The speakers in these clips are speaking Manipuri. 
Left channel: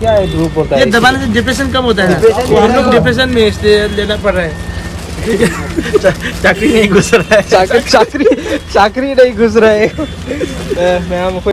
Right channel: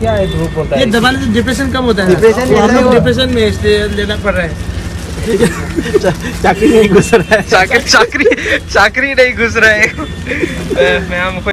क्या है धूप होता है? ये दबाने से डिप्रेशन कम होता है ना, तो हम लोग डिप्रेशन में इसलिए लेना पड़ रहा है। चाकरी नहीं घुस रहा है, चाकरी नहीं घुस रहा है। मैं हमको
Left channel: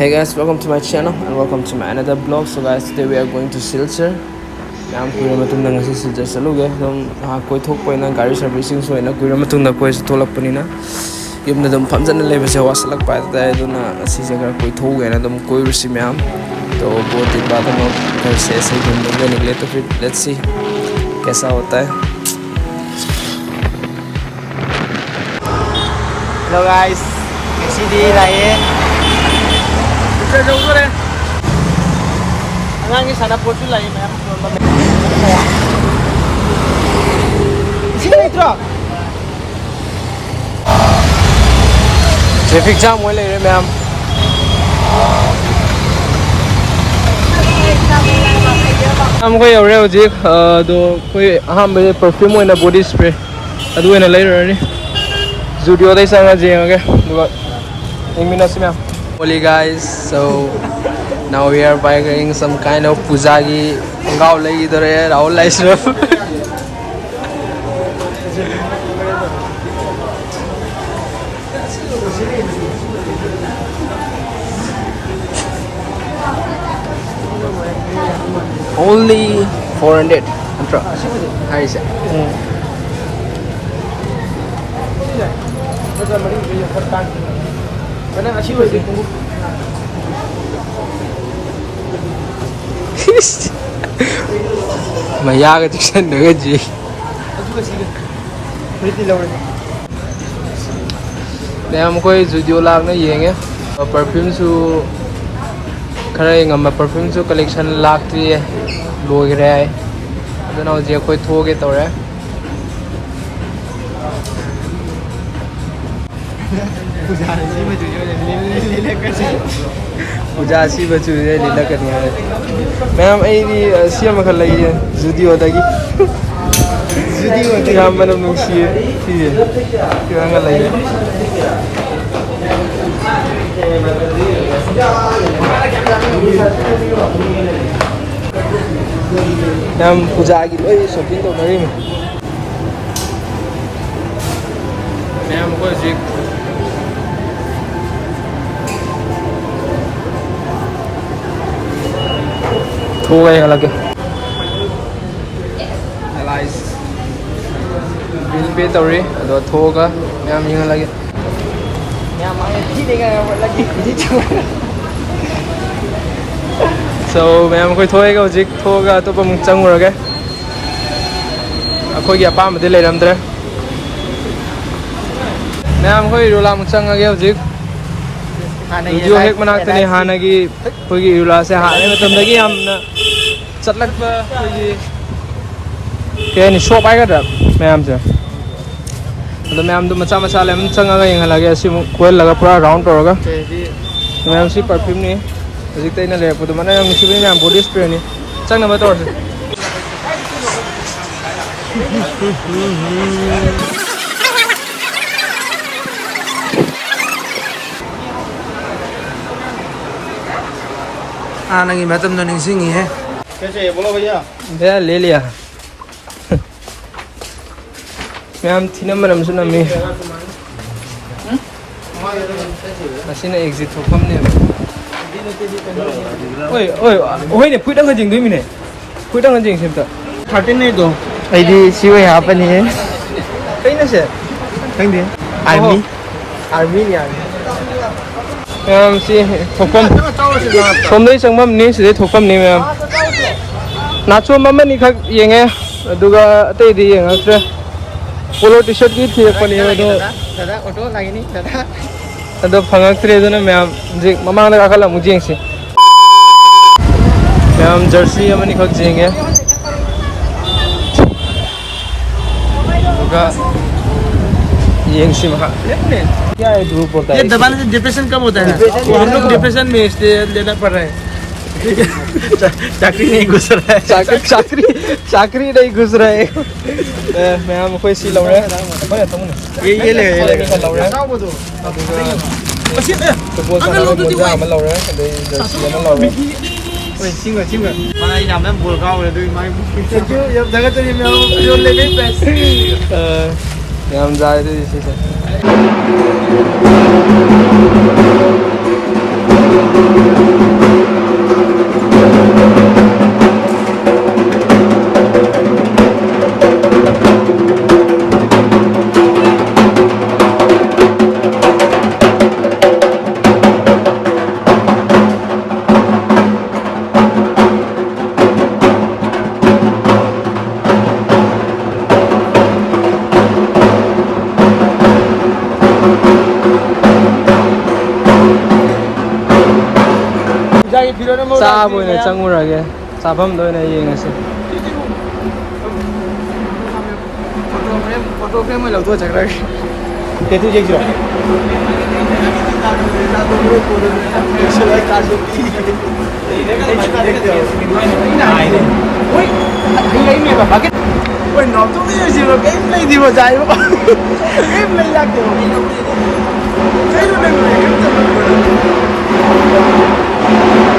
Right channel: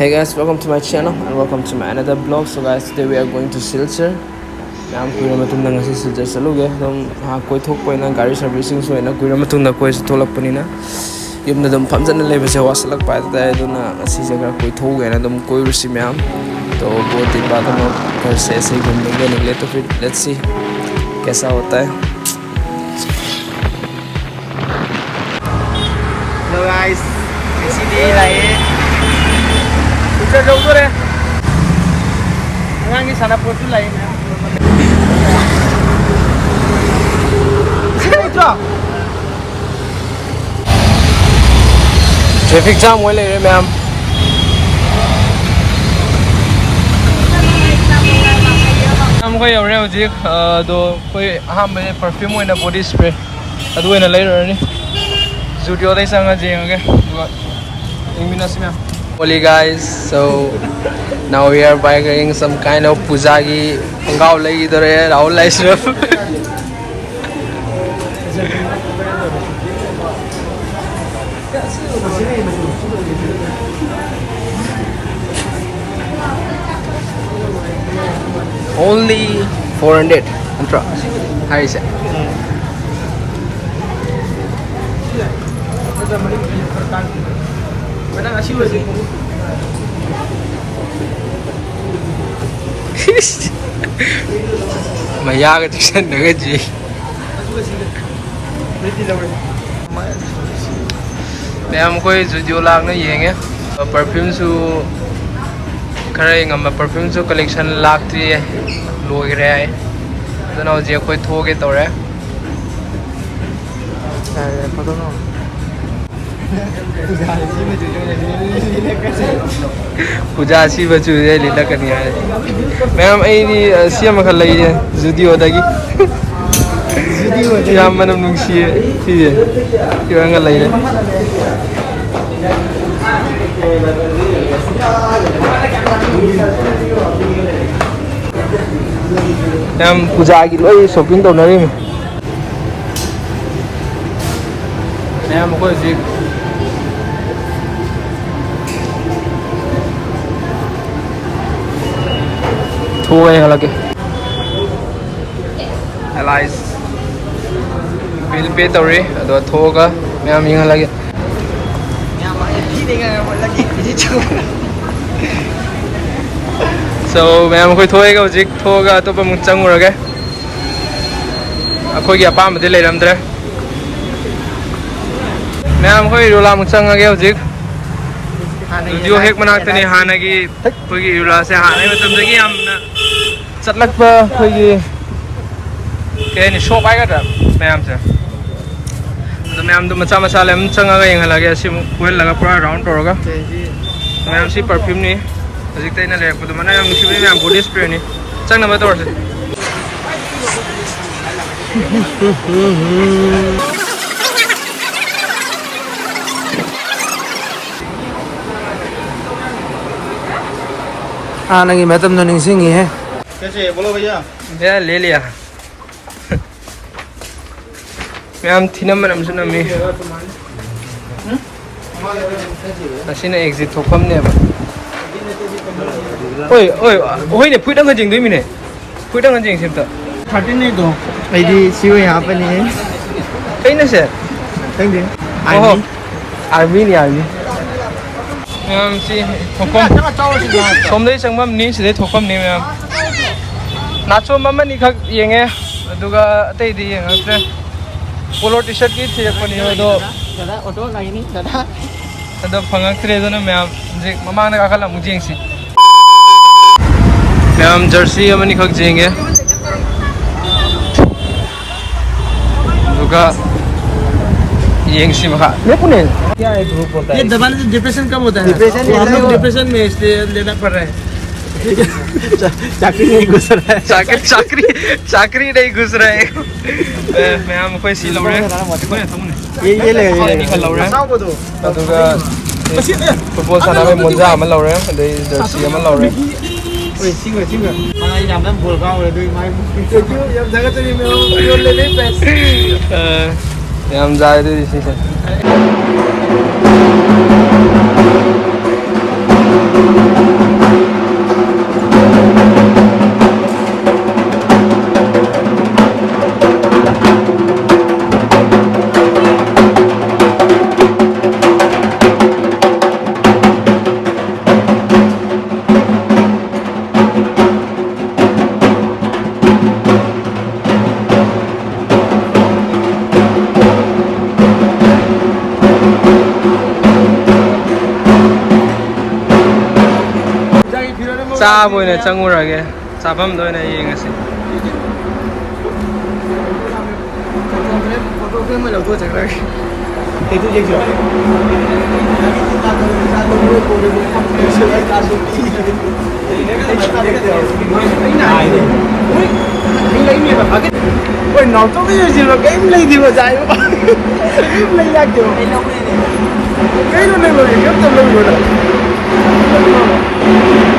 Hey guys, welcome to my channel and welcome to my another vlog. So guys, today we are going to Silchar. I'm going to Silchar saluge. Koi thok po na gari servicing so na koi matung na koi tholak pani na. Yum na dum phamjan na lebe se wasalak pa ta do na si se koi thok na dum koi rusi myam. तो बहुत दिन बाद हम लोग घर से ऐसे ही घूमने के निकले, तो फिर लेट्स सी कैसा होता है। Hello guys, sini lagi. Bisa jauh tu deh. Ang ngi sana po tulay ma'am. Traffic jam हुए ले रहे मैम। हमको ये हो जी दो कोई हम बे परफ्यूम होना बॉडी स्प्रे अदु होना ले रहे जुडियो दे संगा जी ओके एक मिनट से ma'am. Holy guys, so now we are buying some kind of pujagi गाँव लगी इधर है राहुल लाइस only 400 Antra. How is it? Maya ka tusan na ji. मैं हमको जुडियो लाग ये परफ्यूम खरा ये परफ्यूम कलेक्शन लाती है लोग्रे है हजे अखोई थोगे तौरे पूजा असी बचूजे लीलकनी है मैम अम खल जुडियो याम मनम नुंगसिये सिजे किरंगा लइरे मैम पूजा की लोई शॉपिंग तो नहीं मैम को जी हो गए लगे एलाइस बिल पे तौरी अदो थोगा मैम यहां लगे so मैम कोई थोएगा हजिक थोगा तो मुझ चंगुरगे अखोई अपामदि लेरमद्रे मैम कोई इरुला मुझ चंगगे हजिक जुडियो हेक मनाक्तनी हानगी कोई इरुला से हाने मतमदगी हमना चटलकप कोई केनि शॉप आइगदा मैम से तो मैम तो मचा मचा लेम चंगगा यंगलागे असिमु कोयल लगा पूरा राउंड तोरगा मैम सी परफ्यूम नि हजिक तैना लेरपदो माने मैम सिबे मैम बॉडी स्प्रे नि चंग नंबर तोरसे आने की मैतम तो निंगसिंग है कैसे बोलो भैया? भैया ले लिया मैम थी नंबर हमसे नमी असीना एग्जिट थोफम ने ओए ओए ओए ने फुइदंग जिंग दुई मिने फुइदंग जिंग सेमता 13 नहीं तो ऐडी सिवे हापनी है कइना से कंगे आर्मी नि आर्मी मैम सी थोमनै संगमम नि सिदे थोफम नि मैम नाचो ममनी खक येंगे अदुगा अतै दि येंगस्ते पोलो टी शर्ट की थी पनी दो दादा ऑटो लागिनी दादा अदो फंगक्त्रि देना मैम जे ममांग आखला मुजिंग से मैम जर्सी अमनी खक जेंगे दुगा येंग सी मखा लेपुने क्या है धूप होता है ये दबाने से डिप्रेशन कम होता है ना, तो हम लोग डिप्रेशन में इसलिए लेना पड़ रहा है। चाकरी नहीं घुस रहा है चाकरी नहीं घुस रहा है मैं हम कोई सी लौरे ये ले का लौरे अदुगा फुटबॉल सानाबे मुंजा अमा लौरे अदई जर्सी अमा लौरे mana ini namanya bol kau udah duit main yang jangan tadi mau jual lele pes हम जा रहे थे इसी से चाब ओइने चंगुरगे चाफम दोइने येंगसे फोटो फ्रेम में लगो जगह ये तो एक जीरो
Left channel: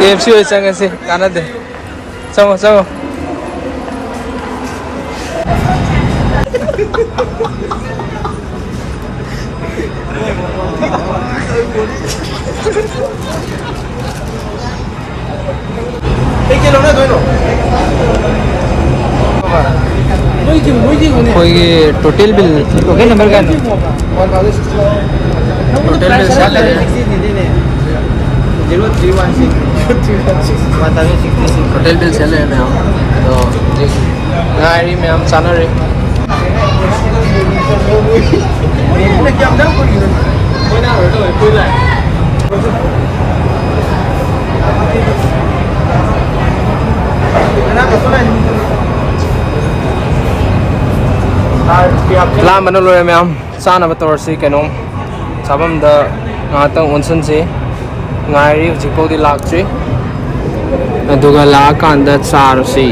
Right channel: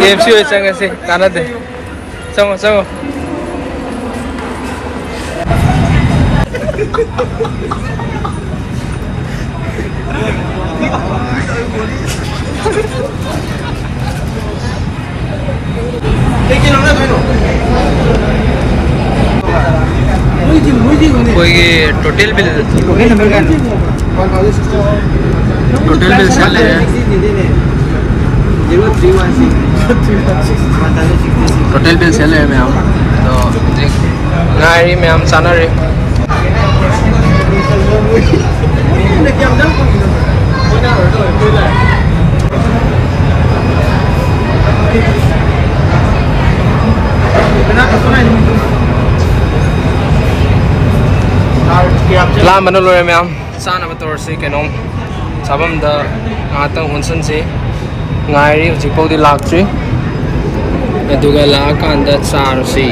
KFC होई संगे से काना दे चलो चलो कोई टोटल बिल टोटल बिल से ले टोटल बिल से ले में हम तो गाड़ी में हम चला रहे लाम बनो लोरे में हम साना बतौर से कैनोम साबम द आता उनसन से गाड़ी जिपोदी लाक्ट्री अदुगा लाकांदा चारसी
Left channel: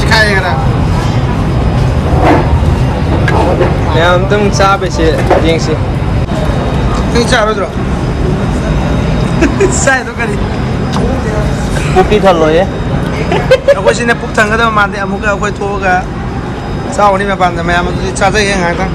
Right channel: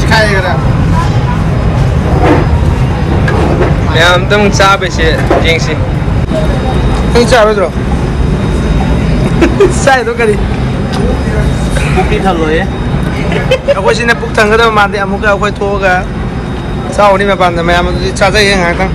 सिखाएगा मैं हम तुम चाबे से जेंगसी नहीं चाबे तो साइड तो करी कोपी था लो ये अखोई सिने पुक थंगदा मादे अमुका अखोई थोगा साउनी में पान मैं हम चाचा ये हाता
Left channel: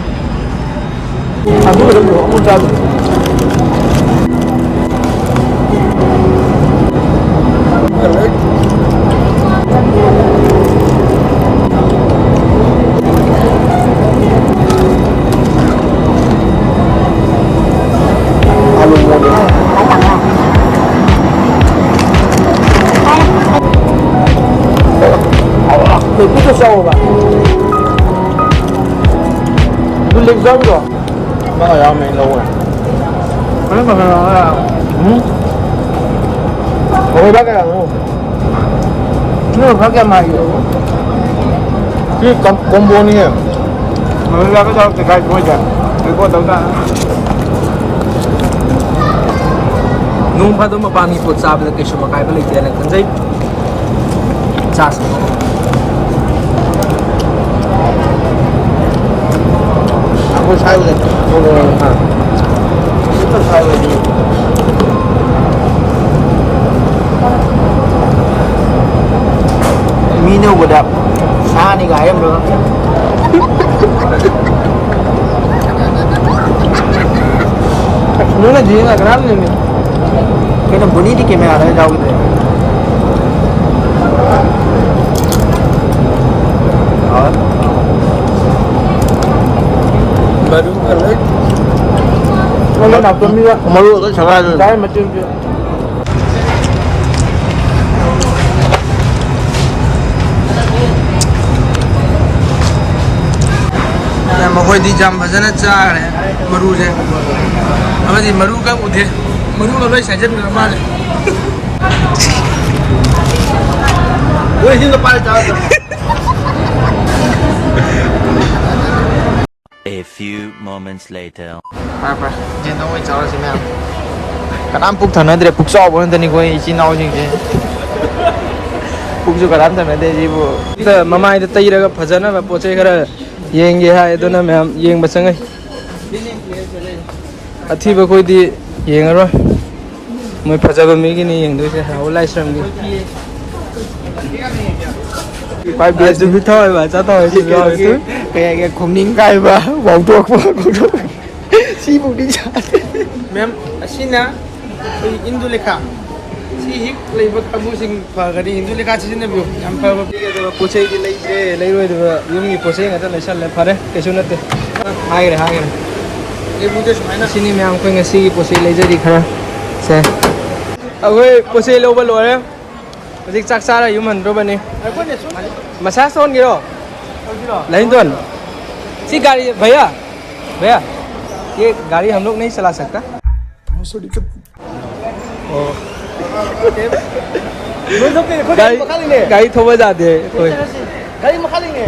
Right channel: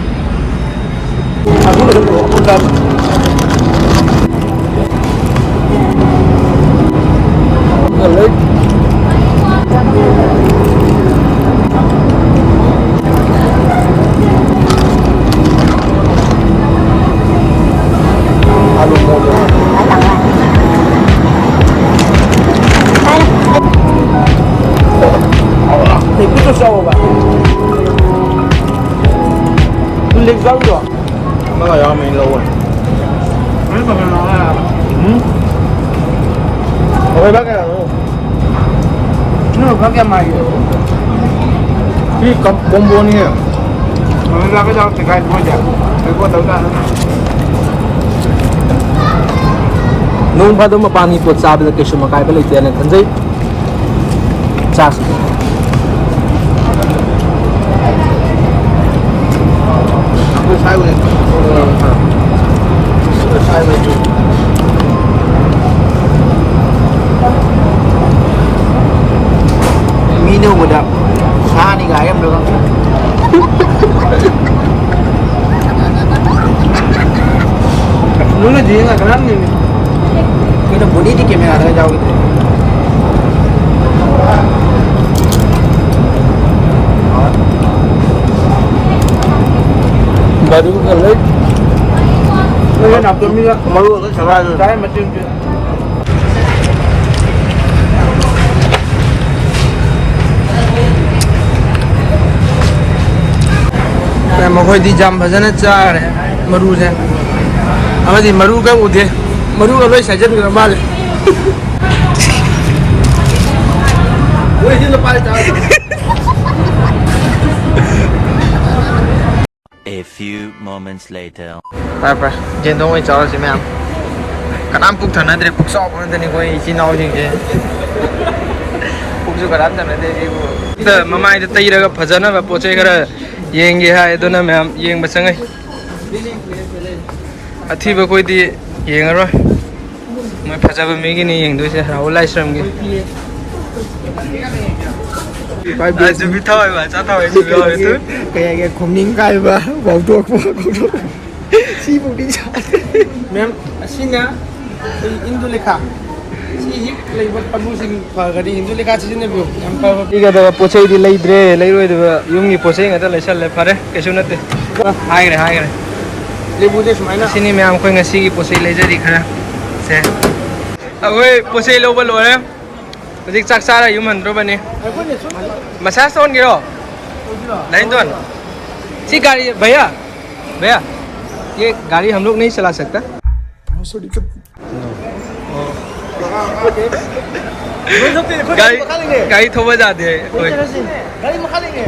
combo ni ya. Mana lah kau jauh dekat gua je. Gua tahu tak. नून भादो में पानी को चाब लेके शुमकाय पे लेके आने खंजे Chas Mino budak. Ah ni gayam dah. Mana dia nak keran ni? Kita bunyi di kamera dah jauh tu. baru kalau Mana nak kami malu tu sangat. Dah macam tu. मखोदी जाम फजन चारे मरू से अबदी मरू का उठे मरू का लोई सजन का माल A few moments later. ไปเย็นต้องไปเจ้าสิแม่กระน้ำปุกถันนั่นเดี๋ยวปุกซอบวันนี้ก็อีกินเอาจริงๆปุกจุกระน้ำถันนั่นเดี๋ยวกูแต่มาไม่ได้ตีแล้วก็พัฒนาแบบโปรเจกต์ก็ยิงเงี้ยให้ตัวนั้นแม่ยิงมาสังไงอาทิตย์ไปคุยดียิงอะไรไม่พัฒนาแบบมีกี่นี่ยิงด้วยใช่ไหมเอาไล่ซ้ำกี่ไปเบียดจุดพิทัยมาจ้าถอยจุดลอยตัวแกคมนิ่งไกลมาบอกตัวกูซีบุกดิฉันแม่สินะอินโดเลคาซีฮิกเลยว่าทำมุสิงพากันอินโดเลคาชินเนบิวยังพาพี่ก็ตัวโปรเซสดีเลยเดรเลยว่าตัวยุ่งยี่โปรเซสกันเลยชันเลยพาร์เกชุนัตเตหายเลยเลยบุตรสมัยนั้นสินี่แม่ผมคุยกันซีโปรเซสเลยจะดีขนาดเซ่เอาไว้โปรเซสโลบอลเลยमुझे चक सारा ह्यूमन रो बने मसाज सोन गिरो नहीं तो सी गाड़ी भैया भैया ये गाड़ी हम लोग नहीं चला सकता गाड़ी थोड़ा जाते है कोई गाड़ी मखा लेंगे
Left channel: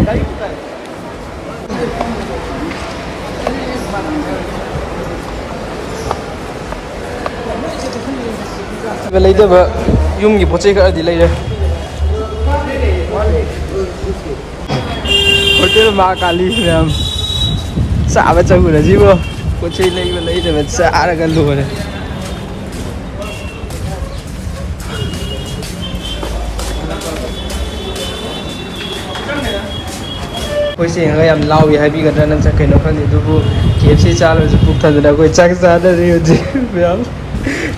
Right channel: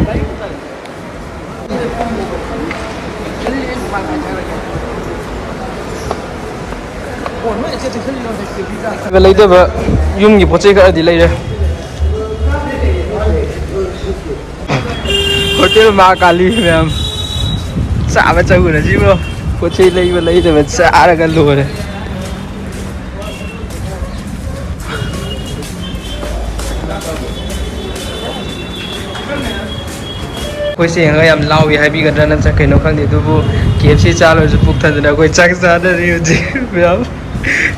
ꯌꯨꯝꯒꯤ ꯄꯣꯠ ꯆꯩ ꯈꯔꯗꯤ ꯂꯩꯔꯦ ꯍꯣꯇꯦꯜ ꯃꯥ ꯀꯥꯂꯤ ꯃꯌꯥꯝ ꯆꯥꯕ ꯆꯪꯉꯨꯔꯁꯤꯕꯣ ꯄꯣꯠ ꯆꯩ ꯂꯩꯕ ꯂꯩꯗꯕ ꯆꯥꯔꯒ ꯂꯣꯏꯔꯦ ꯑꯩꯈꯣꯏꯁꯦ ꯌꯦꯡꯉꯒ ꯌꯥꯝ ꯂꯥꯎꯏ ꯍꯥꯏꯕꯤꯒꯗ꯭ꯔꯥ ꯅꯠꯇ꯭ꯔꯒ ꯀꯩꯅꯣ ꯈꯪꯗꯦ ꯑꯗꯨꯕꯨ KFC ꯆꯥꯂꯣꯏꯁꯨ ꯄꯨꯛ ꯊꯟꯗꯅ ꯑꯩꯈꯣꯏ ꯆꯥꯛ ꯆꯥꯗꯔꯤ ꯍꯧꯖꯤꯛ ꯃꯌꯥꯝ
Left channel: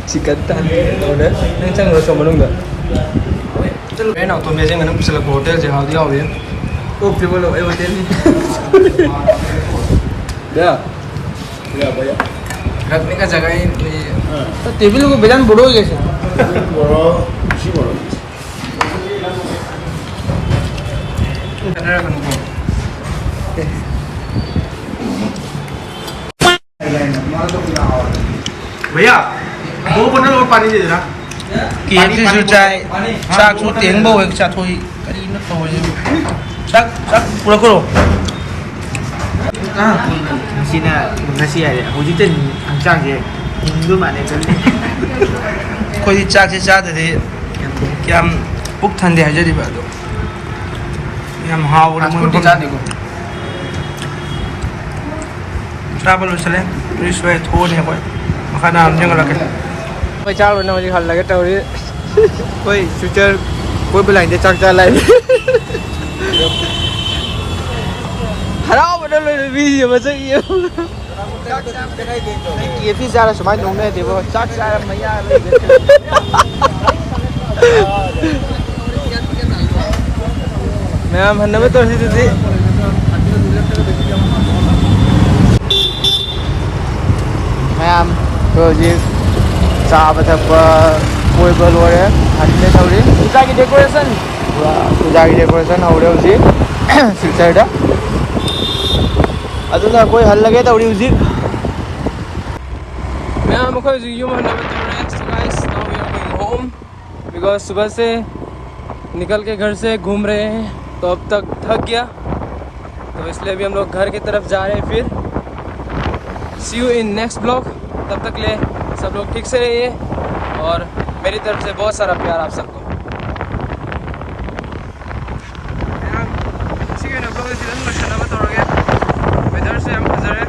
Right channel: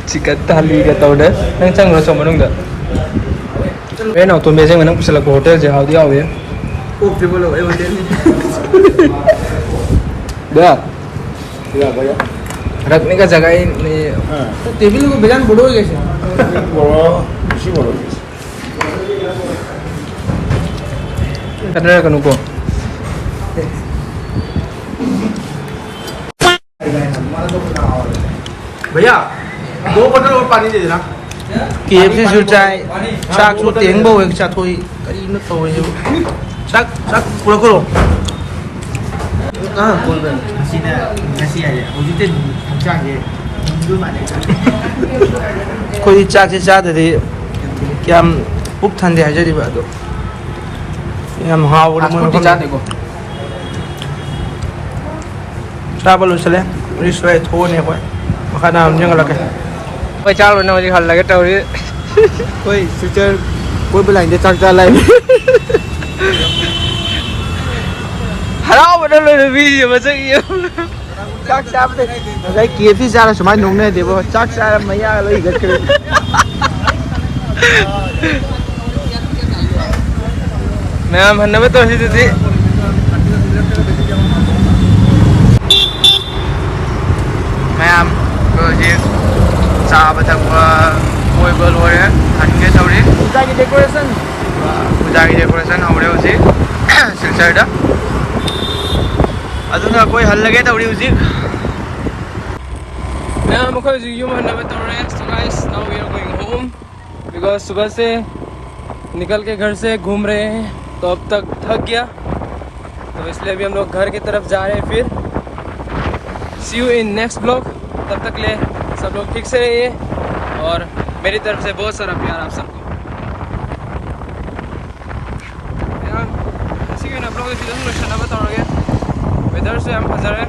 चिकन थाली तौर नंग चंग्रो सो मनुंग रे नाउ तो मेजे नंग पुसला को होटल जे हाउदी हावे ओ ट्रिपल ओ होटल नि बया बया रखने का जगह ही नहीं तो टेबल को बेजान बड़ो हो गया बड़ो सी बड़ो कटरा कनु को भैया 2 बोतल और पानी दे देना KFC जो चाय चाक जो तेंग बो एक चाट होई करी न तो ये चाक चाक पूरा करो हां कोई बात मसीना मसी है मुझे तो चाक है हिंदू माने कोई चाक से चाट दे क्या पुक ठंडे है जरी बात हम हाव ले मन को ट्रैवल चले रिश्वे थोने कोई मखाना हम जंगल के कोई चाल ना मुझे हल लगे तो कोई फ्यूचर कोई बुलाएंगे चल चल लाइन हराओ बदल लो वीडियो में से ये चाक चाप दे लाइक KFC जाना समय नोंगने देबो चाक चाप मैया लई गके मैम हन्नबे तो सी दीदी मैम तो जी चाबा थकवा कोई बोल रहे हटके थोड़ी पूजा की डेकोरेशन हो रहे उसी सिलचर दा अदुना कोई हल लगे थोड़ी उसी मैं मुखर जी यूं मन में तो रहे guys now we are going home because सुबह से निकल के घर से घूम रहे हैं तो अब तक थक गया तो इसलिए अभी हम लोग घर की तरफ जा रहे हैं फिर सी यू इन नेक्स्ट ब्लॉग तब तक ले सब लोग ठीक से रहिए और मेरी तरफ से बहुत सारा प्यार आप सबको यार ठीक है ना ब्लॉग इसी तरह अच्छा लगा बताओगे वेदर से हम हज़र है